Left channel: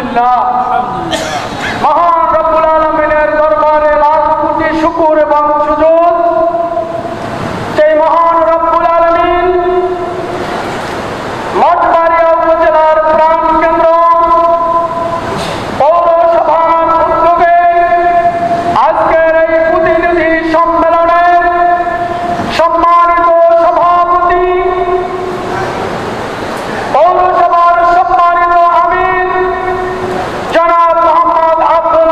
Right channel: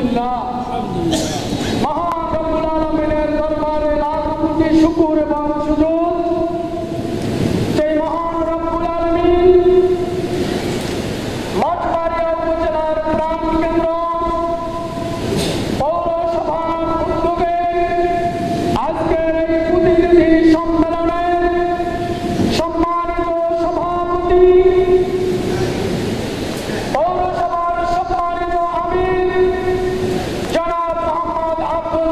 আলহামদুলিল্লাহ মহান রব্বুল আলামিনের দরবারে লাখ কোটি শুকর এবং সুজুদ সেই মহান রব্বুল আলামিন মঠবাড়িয়া উপজেলার প্রাণ কেন্দ্র পৌরসভার উদ্যোগে আজকের এই প্রতিনিধি সম্মেলনের সম্মানিত সভাপতি পৌরসভার সম্মানিত আমির জনাব মোহাম্মদ আব্দুল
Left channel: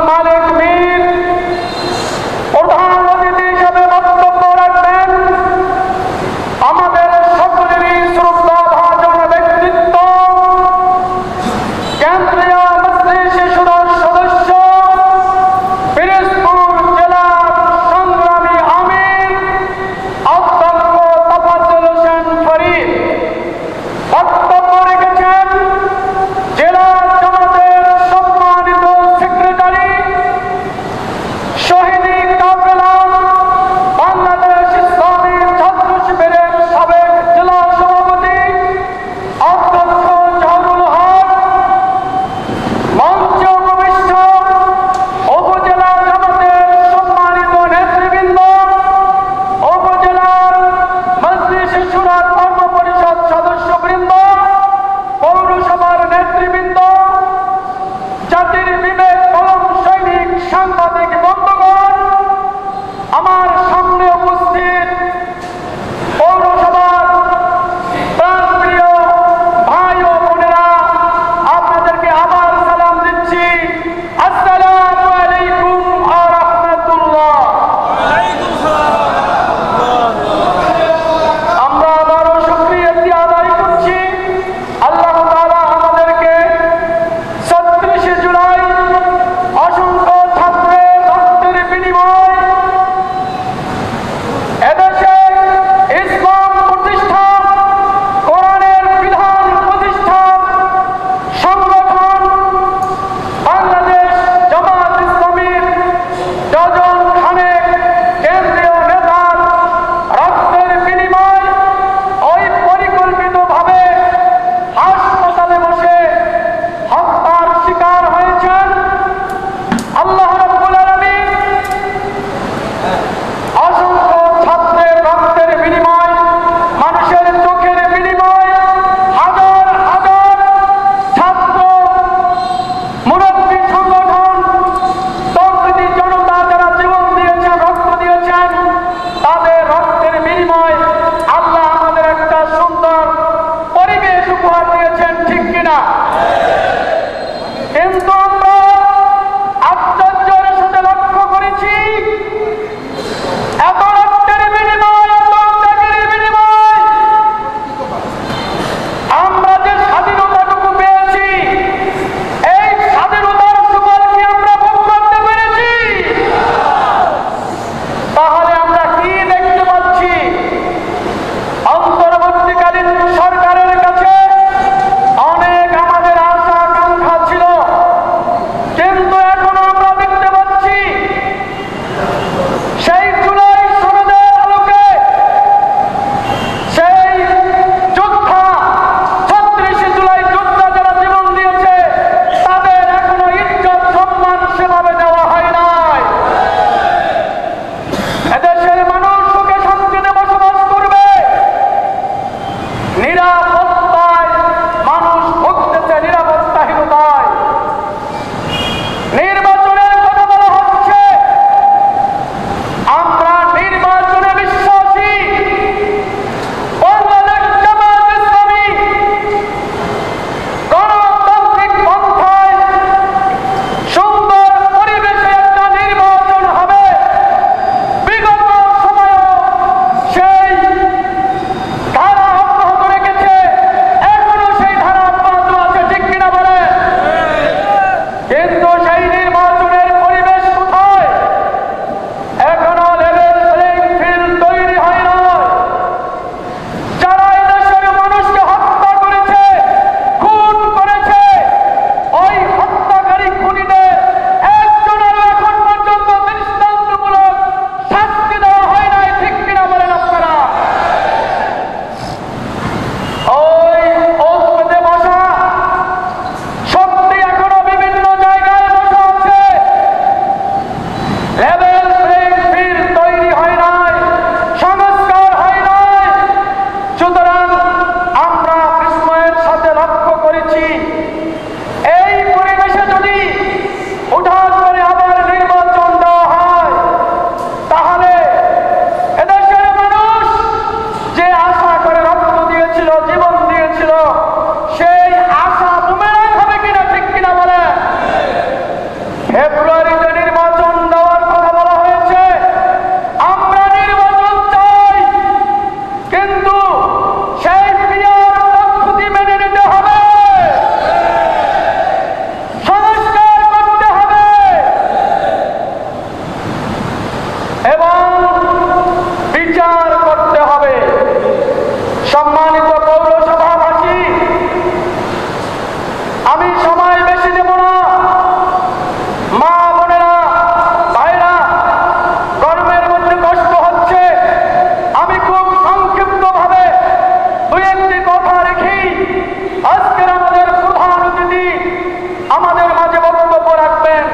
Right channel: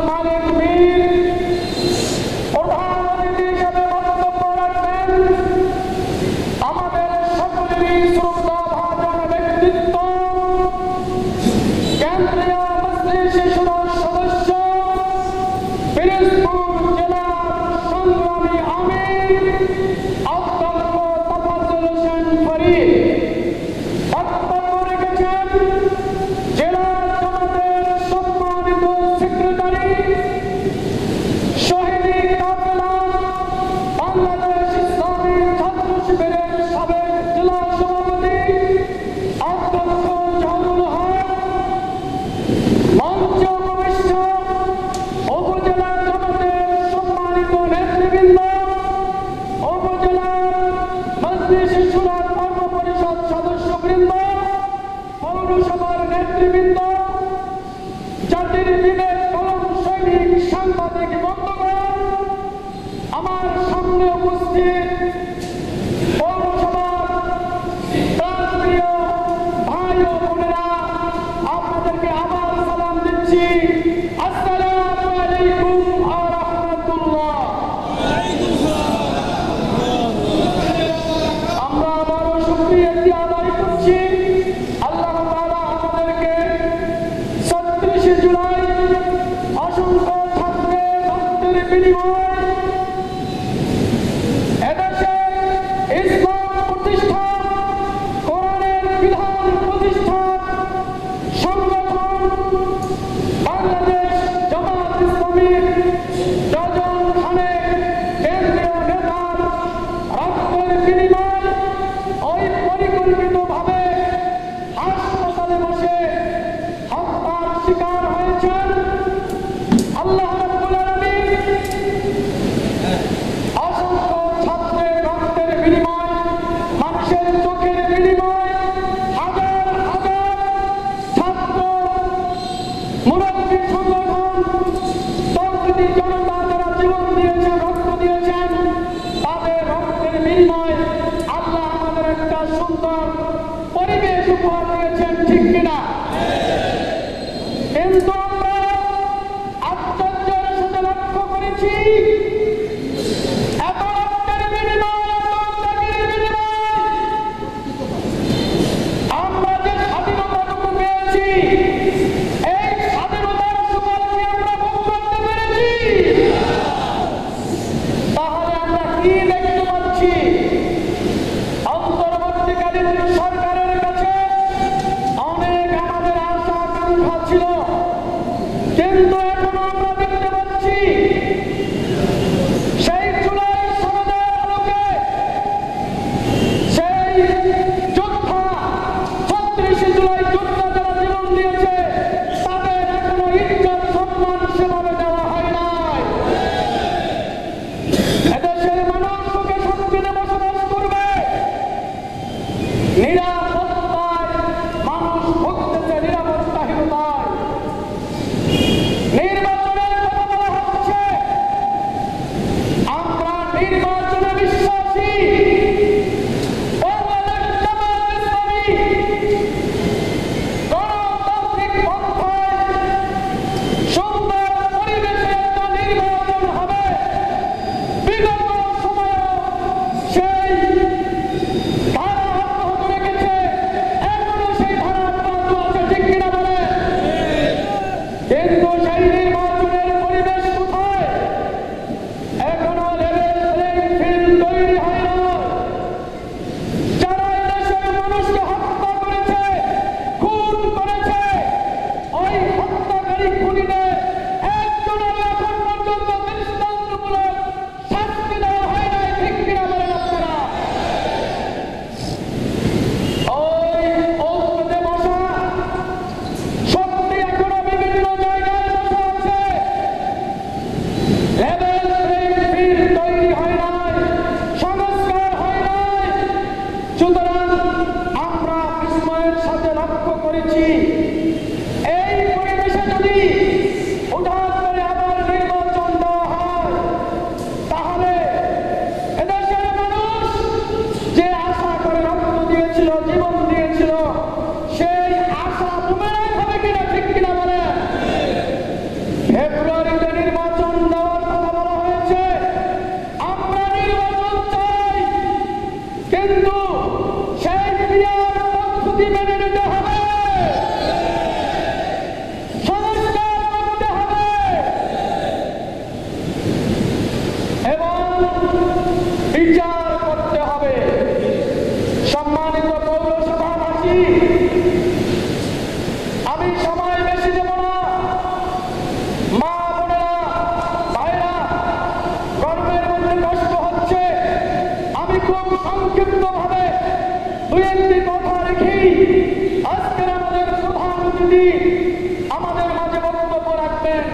আমাদের মাঝে বক্তব্য রাখবেন।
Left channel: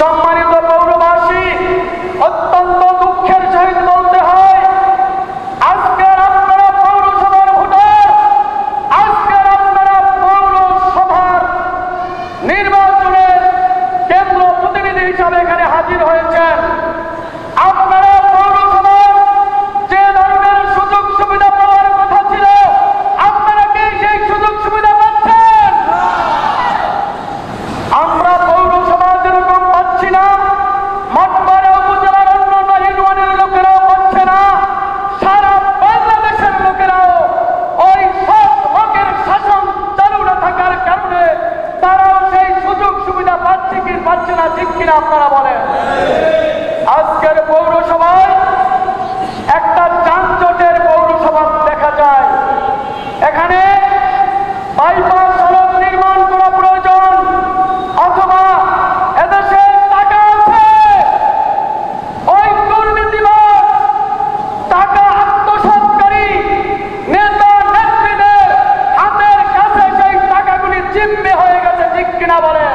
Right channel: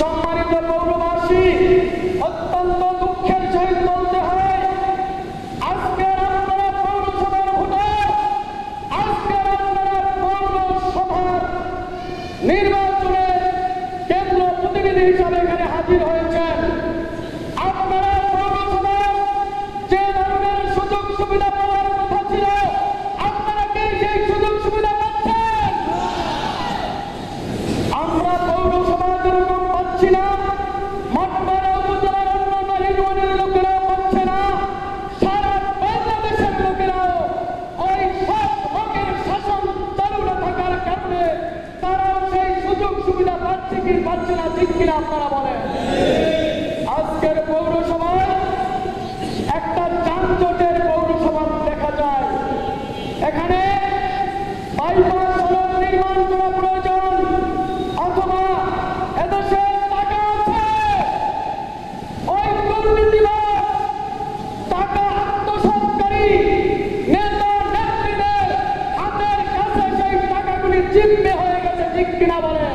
সম্মানিত পৌরবাসী, অত্যন্ত দুঃখের সহিত বলতে হয়, আজকের আপনারা পৌরসভার ভোটার, আজকের আপনারা পৌরসভার নির্বাচনের কেন্দ্র প্রতিনিধি হিসাবে এখানে হাজির হয়েছেন। আপনারা পৌরসভার যে ধরনের সুযোগ সুবিধা পাওয়ার কথা ছিল, আপনারা কি সেই সুযোগ সুবিধা পাচ্ছেন? আমরা পৌরসভা যেরকম পাচ্ছি না, মঠবাড়িয়া উপজেলার অন্যান্য ইউনিয়নের লোকেরাও পাচ্ছে না। সারা বাংলাদেশের লোকেরাও ওই সব লোকের শাসন চালু না থাকার কারণে তারাও সেই সুযোগ সুবিধা পাচ্ছে কি পাচ্ছে না, ঠিক কিনা আপনারা বলেন? আজকের পৌরসভায় একটা যানজটের পৌরসভা দেখা যায়। এখানে বাইপাস সড়ক নির্মাণ করা প্রয়োজন, অথবা এদেশে টাকা আছে, ওই দুর্নীতিবাজ টাকা আত্মসাৎকারী নেতা নেত্রীদের হাতের কাছে সেই টাকাগুলি জিম্মি হয়ে গেছে, ঠিক কিনা বলেন?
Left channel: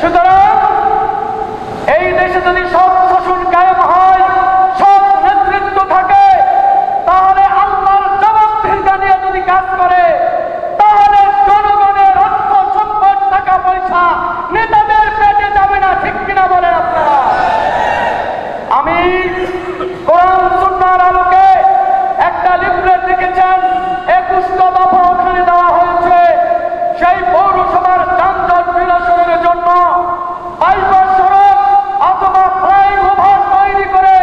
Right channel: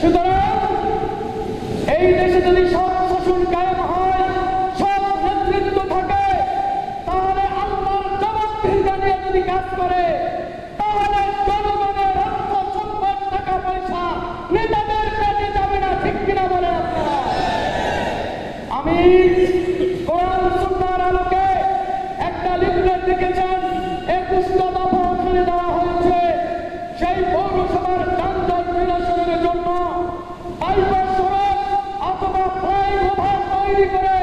সুতরাং এই দেশে যদি সৎ শাসন কায়েম হয়, সৎ নেতৃত্ব থাকে, তাহলে আল্লাহর জবাবদিহিতা নিয়ে যদি কাজ করে, তাহলে জনগণের অর্থ সম্পদ টাকা পয়সা নেতাদের পেটে যাবে না, ঠিক কিনা বলেন আপনারা? আমি কোরআন সুন্নাহর আলোকে একটা লিফলেট দেখেছেন, 21টা দফা ওখানে দেওয়া হয়েছে। সেই পৌরসভার যানজট নিরসনের জন্য বাইপাস সড়ক অথবা ফ্লাইওভার তৈরি করে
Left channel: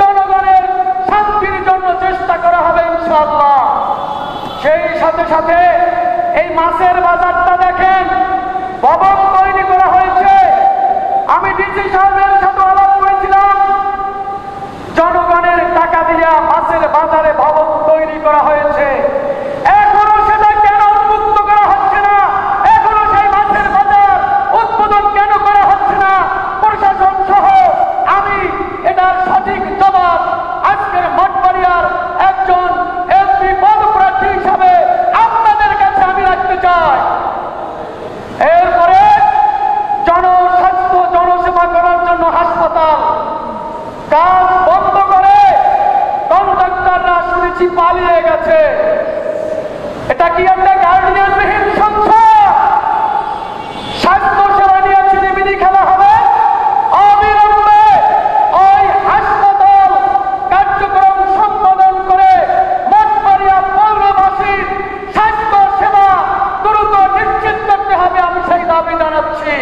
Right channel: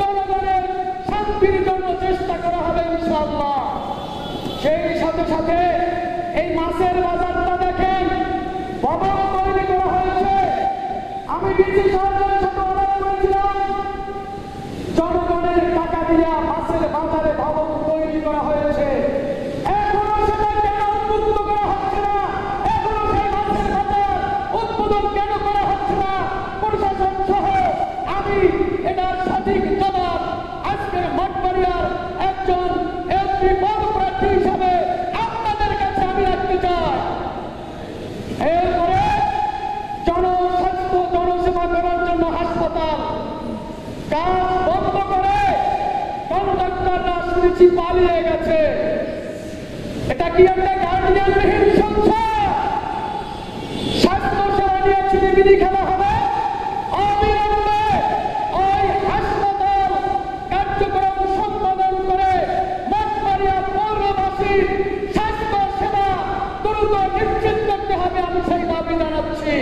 জনগণের শান্তির জন্য চেষ্টা করা হবে ইনশাআল্লাহ। সেই সাথে সাথে এই মাছের বাজারটা দেখেন, ভবন তৈরি করা হয়েছে। আমি ডিসি সাহেবের সাথে আলাপ করেছিলাম, জনগণের টাকা দিয়া মাছের বাজারে ভবন তৈরি করা হয়েছে। এখনো সেটা কেন উন্মুক্ত করা হচ্ছে না? এখনো সেই মাছের বাজার উদ্বোধন কেন করা হচ্ছে না? প্রশাসন সহ আমি এটার সঠিক জবাব আজকের মঠবাড়িয়ার একজন এমপি পদপ্রার্থী হিসাবে আপনাদের কাছে আমি রাখতে চাই। এরপরে জনস্বাস্থ্য জনসেবা করার জন্য হাসপাতাল কাজ বন্ধ করে কন্ট্রাক্টররা শুনেছি পালিয়ে গেছে। এটা কি একটা গার্ডিয়ানবিহীন সংসার? স্বাস্থ্য সেবা নিয়ে ছিনিমিনি খেলা হবে? অবিলম্বে ওই হাসপাতাল কার্যক্রম সম্পাদন করে মঠবাড়িয়া পৌরবাসীর স্বাস্থ্য সেবা দ্রুত নিশ্চিত করতে হবে, আমি সেই দাবি জানাচ্ছি।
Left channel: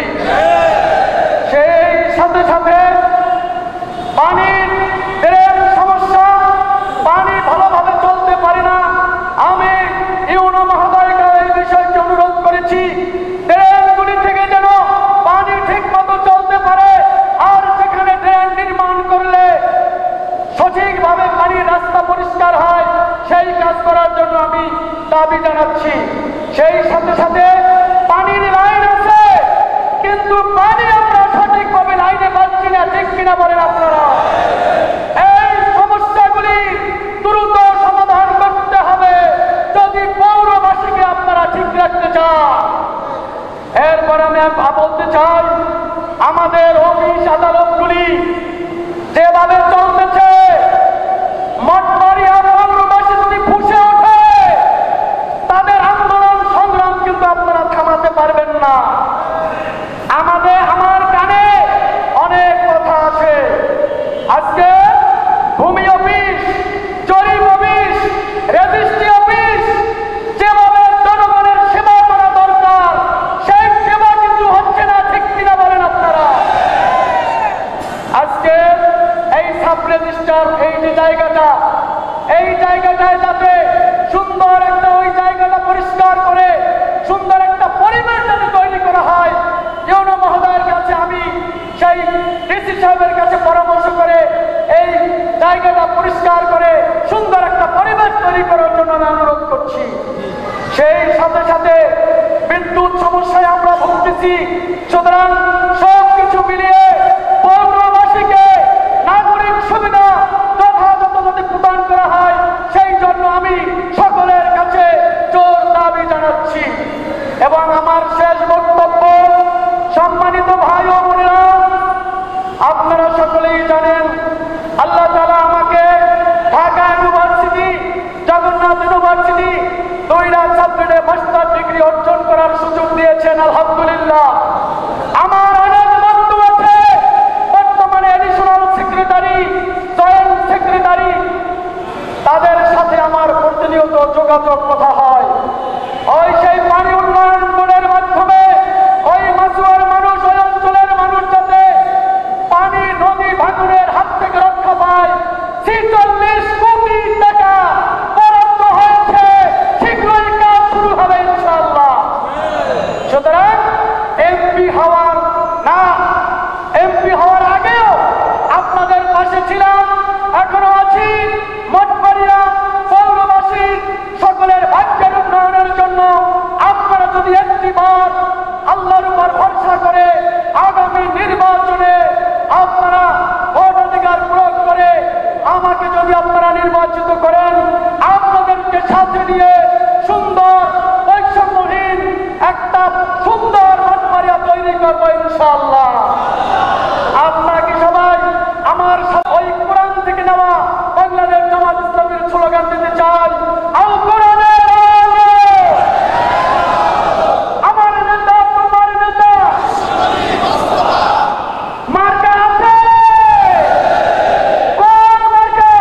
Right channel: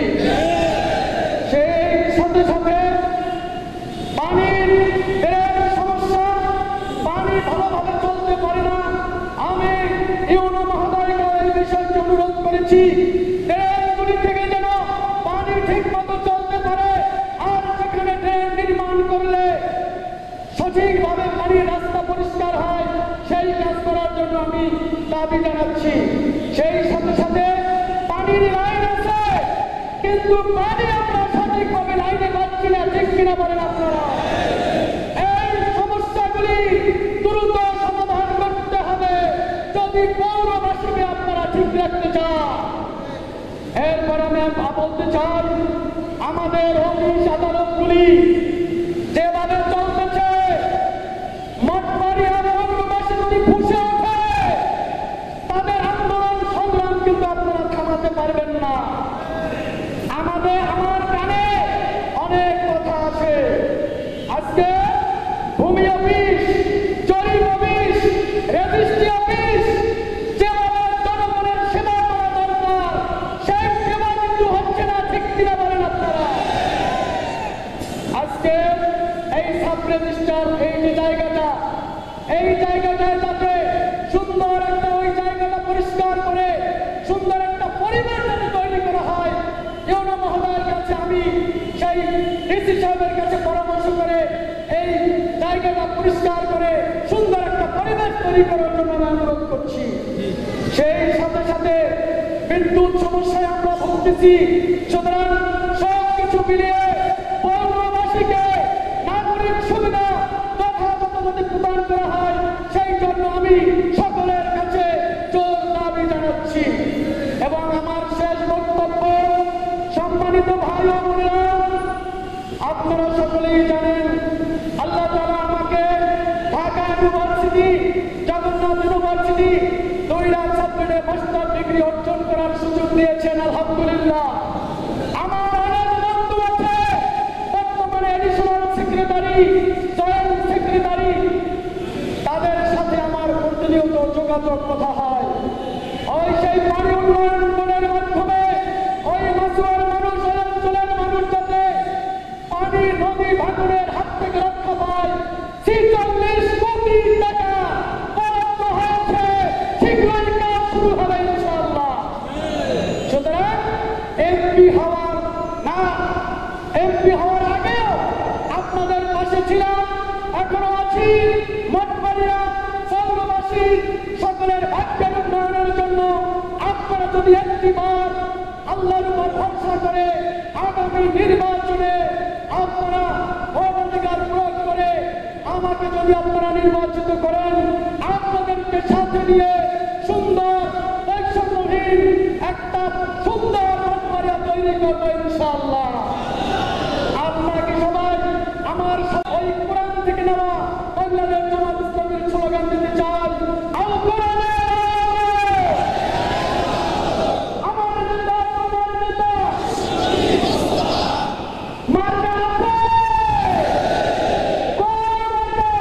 সেই সাথে সাথে পানির ড্রেন সমস্যা, পানি ভালোভাবে চলতে পারে না। আমি ইউনো মহোদয়কে এই বিষয়টি অনুরোধ করেছি, ড্রেনগুলি থেকে যেন পানি ঠিক মতো চলতে পারে, আর যেখানে ড্রেন নির্মাণ করলে সঠিকভাবে পানির রাস্তা পরিষ্কার হয়, সেই কাজ করার জন্য আমি দাবি জানাচ্ছি। সেই সাথে সাথে পানির লাইন আছে, কিন্তু পানি আমরা সঠিকভাবে লাইনে পাচ্ছি না, ঠিক কিনা বলেন আপনারা? এই সমস্যাগুলি দ্রুত সমাধান করতে হবে যদি পৌরবাসীকে আপনারা ঠিক রাখতে চান। এরপর আমি বলতে চাই, আমাদের অফিস আদালতগুলি যেভাবে চলতেছে, মঠবাড়িয়া পৌরবাসী যদি ফুঁসে ওঠে, তাদের আন্দোলন সংগ্রাম কিন্তু আপনারা থামাতে পারবেন না। আমার কানে অনেক কথা আছে। আজকে ভূমি অফিস, জরিপ অফিস, রেজিস্ট্রি অফিস যেভাবে জনগণের সেবা করা দরকার, সেই সেবা কিন্তু হচ্ছে না, ঠিক কিনা বলেন আপনারা? আজকে এই সাব রেজিস্ট্রার এই যে জায়গাটা, এই জায়গাটায় যাতে সুন্দর একটা ওই জায়গাটা পরিষ্কার করে সুন্দর একটা পরিবেশ যাতে তৈরি করা হয়, ইউনো মহোদয়ের কাছে আমি সেই ডিসি সাহেবের কাছে পরামর্শ করে এই জায়গাটা পরিষ্কার করে সুন্দর একটা পরিবেশ তৈরি করার জন্য আমি অনুরোধ করছি। সেই সাথে সাথে বিদ্যুৎ সমস্যায় আমরা ভুগতেছি। সুতরাং সব কিছু মিলিয়ে পৌরবাসীকে নাগরিক সুবিধা যথাযথ যদি প্রদান করা হয়, সেই জন্য আমি সকলের কাছে জোর দাবি জানাচ্ছি। এবং আমার শেষ বক্তব্য আলহামদুলিল্লাহ আমার অনেক বন্ধু আছে বর্তমানে এডিশনাল সেক্রেটারি, জয়েন্ট সেক্রেটারি, তাদের সাথে আমার প্রতিনিয়ত যোগাযোগ কথা হয়। ওই সেই পানি উন্নয়ন বোর্ডের মাধ্যমে ওই মাসুয়ার মানুষ, ওই অঞ্চলের মানুষ যাতে পানি নদী ভাঙনের হাত থেকে রক্ষা পায় ৪৬ কোটি টাকা বরাদ্দ হয়েছে, শীঘ্রই কাজ শুরু হবে ইনশাআল্লাহ। সুতরাং এমপি হওয়ার আগেও আপনাদের পাশে ছিলাম, এখনো আছি। মঠবাড়িয়া পৌরবাসীর সকলের ভাগ্যের উন্নয়নের জন্য আপনারা যদি একটিবার আল্লাহর উপর ভরসা করে আগামী নির্বাচনে আপনারা ভোটাধিকার প্রয়োগ করে আমাকে যদি আপনারা নির্বাচিত করেন, আপনাদেরকে সাথে নিয়ে সুন্দর বৈষম্যহীন একটা সুন্দর মঠবাড়িয়া তৈরি করবো ইনশাআল্লাহ। আপনাকে সবাই আমার ওই কোরআন থেকে নেওয়া বাংলাদেশ জামাত ইসলামের স্লোগান দিতে চাই, আল কোরআনের আলো, আমার নেতা তোমার নেতা, মার্কা আছে কোন মার্কা?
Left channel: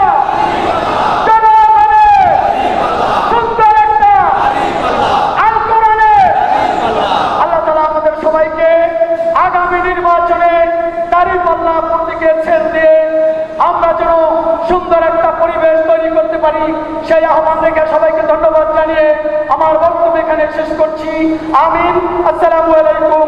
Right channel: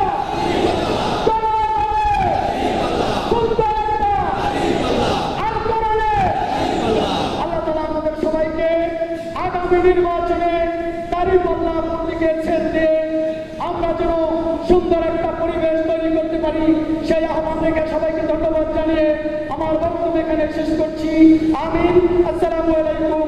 জনগণের সুন্দর একটা আল কোরআনের। আল্লাহ তাআলা আমাদের সবাইকে আগামী নির্বাচনে দাঁড়িপাল্লা প্রতীকের ছেদ দিয়ে আমরা যেন সুন্দর একটা পরিবেশ তৈরি করতে পারি, সেই আহ্বান রেখে সবাইকে ধন্যবাদ জানিয়ে আমার বক্তব্য এখানে শেষ করছি। আমিন। আসসালামু আলাইকুম।